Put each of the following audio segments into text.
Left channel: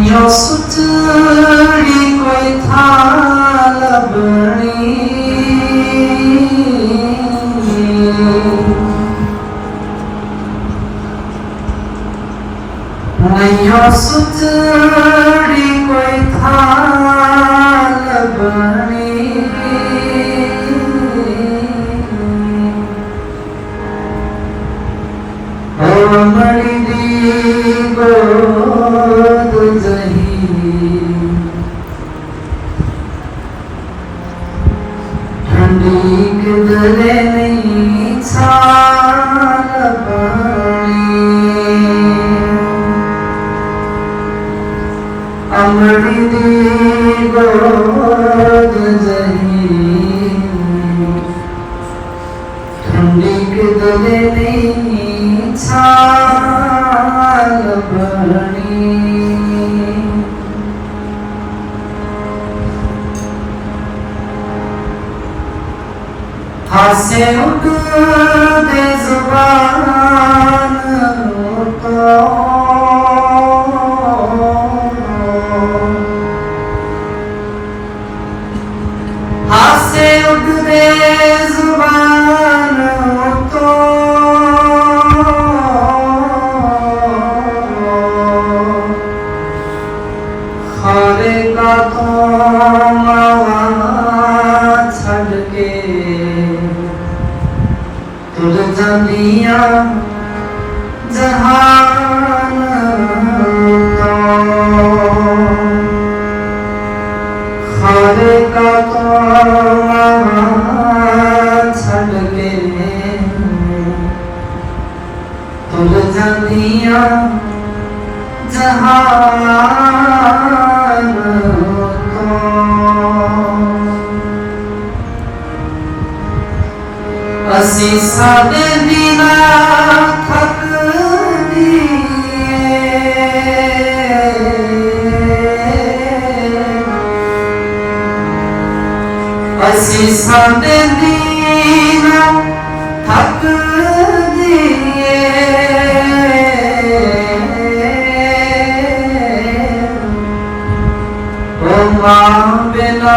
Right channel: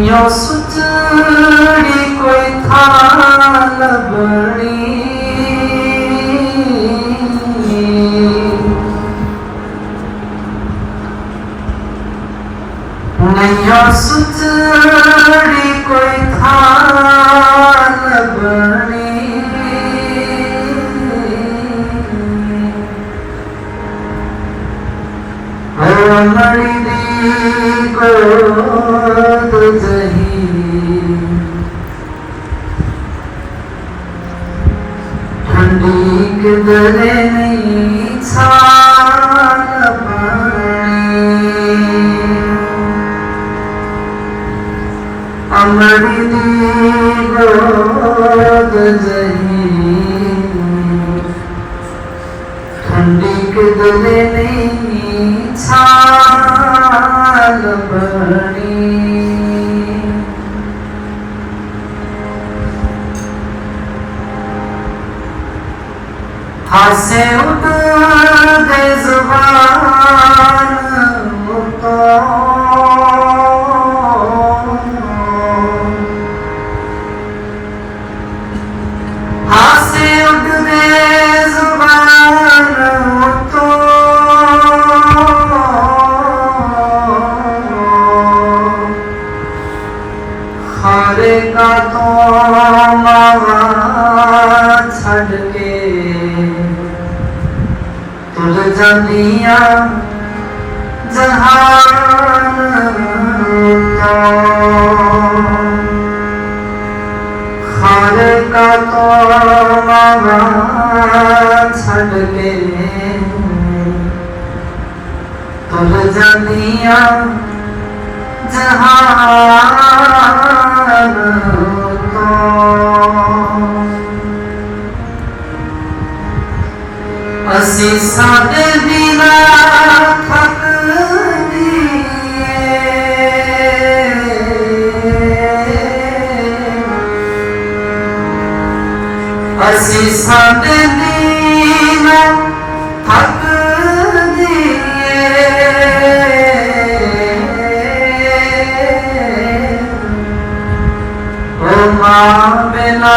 녀수들이 꽤 달라버리 내 녀수들이 꽤 달라버리 어머니 디고 ਅਮੜੀ ਦੀ ਗੋਦ ਜਹੀ ਠੰਡੀ ਕਿਦਰੇ ਨਹੀਂ ਛਾਲ ਬਣੀ ਹਾਸੇ ਉੱਡਦੇ ਜ਼ਬਾਨ ਖਾਰੇ ਤੋਂ ਮਾਵਾ ਛੱਡ ਕੇ ਤੁਰ ਜਾਂਦੀਆਂ ਜਹਾਨ ਤੋਂ ਖਾਰੇ ਤੋਂ ਮਾਵਾ ਛੱਡ ਕੇ ਤੁਰ ਜਾਂਦੀਆਂ ਜਹਾਨ ਅਸੀਂ ਬਿਨਾ ਥੱਕ ਅਸੀਂ ਸਾਡੇ ਬਿਨਾ ਥੱਕ ਓ ਮਾਂ ਬਿਨਾ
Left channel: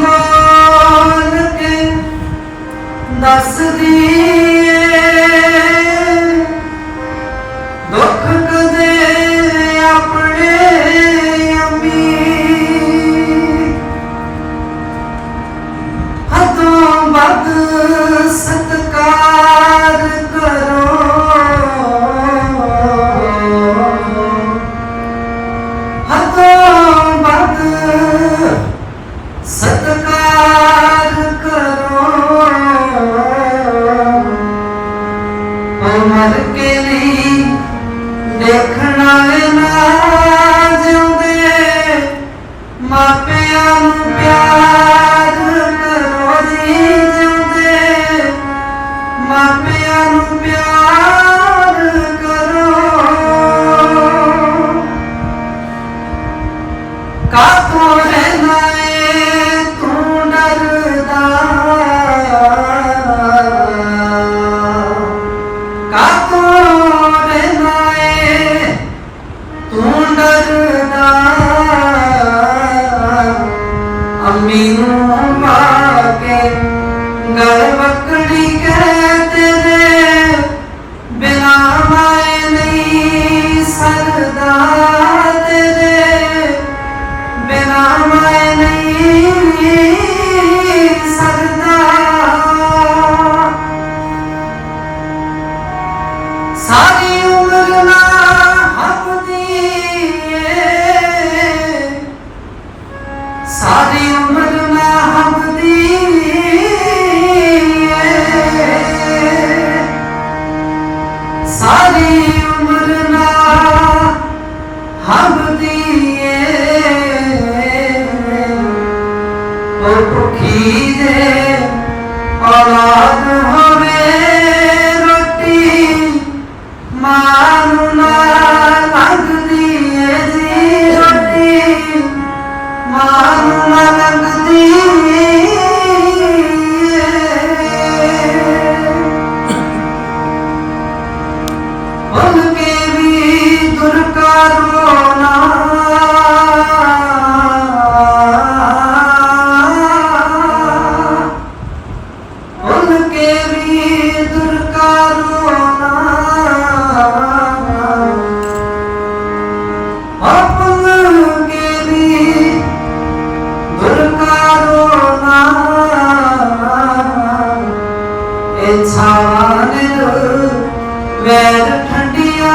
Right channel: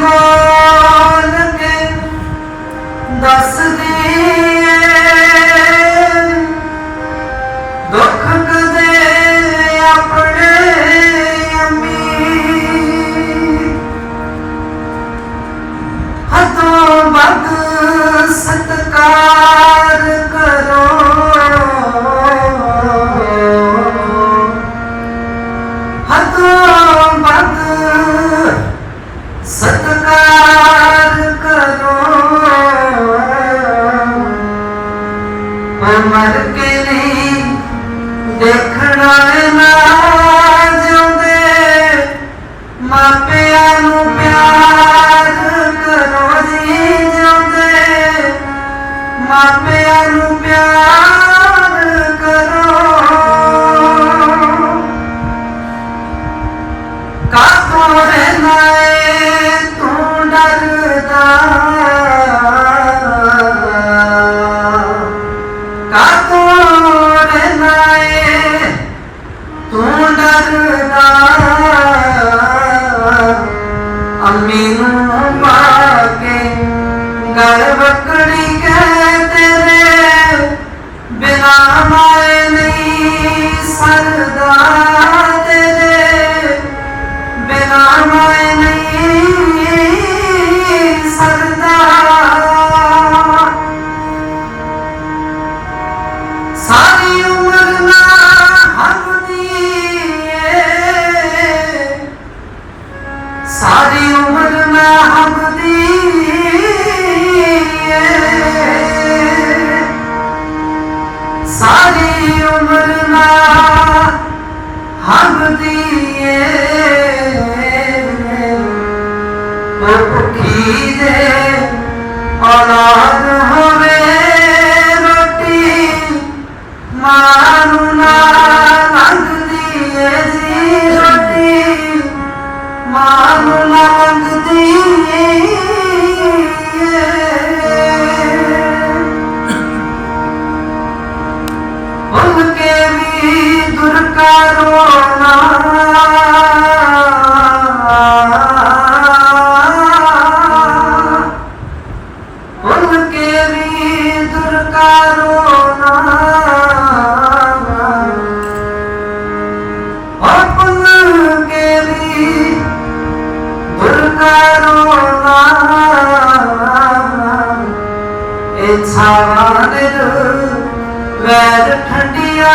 ਸੱਚੀ ਬੋਲ ਕੇ ਮਰ ਕੇ ਨਹੀਂ ਦੇਖਣਾ ਨਾ ਜਿਉਂਦੇ ਮਾਪਿਆਂ ਨੂੰ ਪਿਆਰ ਕਰੋ ਜੀ ਜਿਉਂਦੇ ਮਾਪਿਆਂ ਨੂੰ ਪਿਆਰ ਕਰੋ। ਕਾਤੋਂ ਰਹਿਣਾ ਏ ਤੂੰ ਡਰ? من He did. ਛਾਨ ਵੈਰ ਠੰਡਿਆ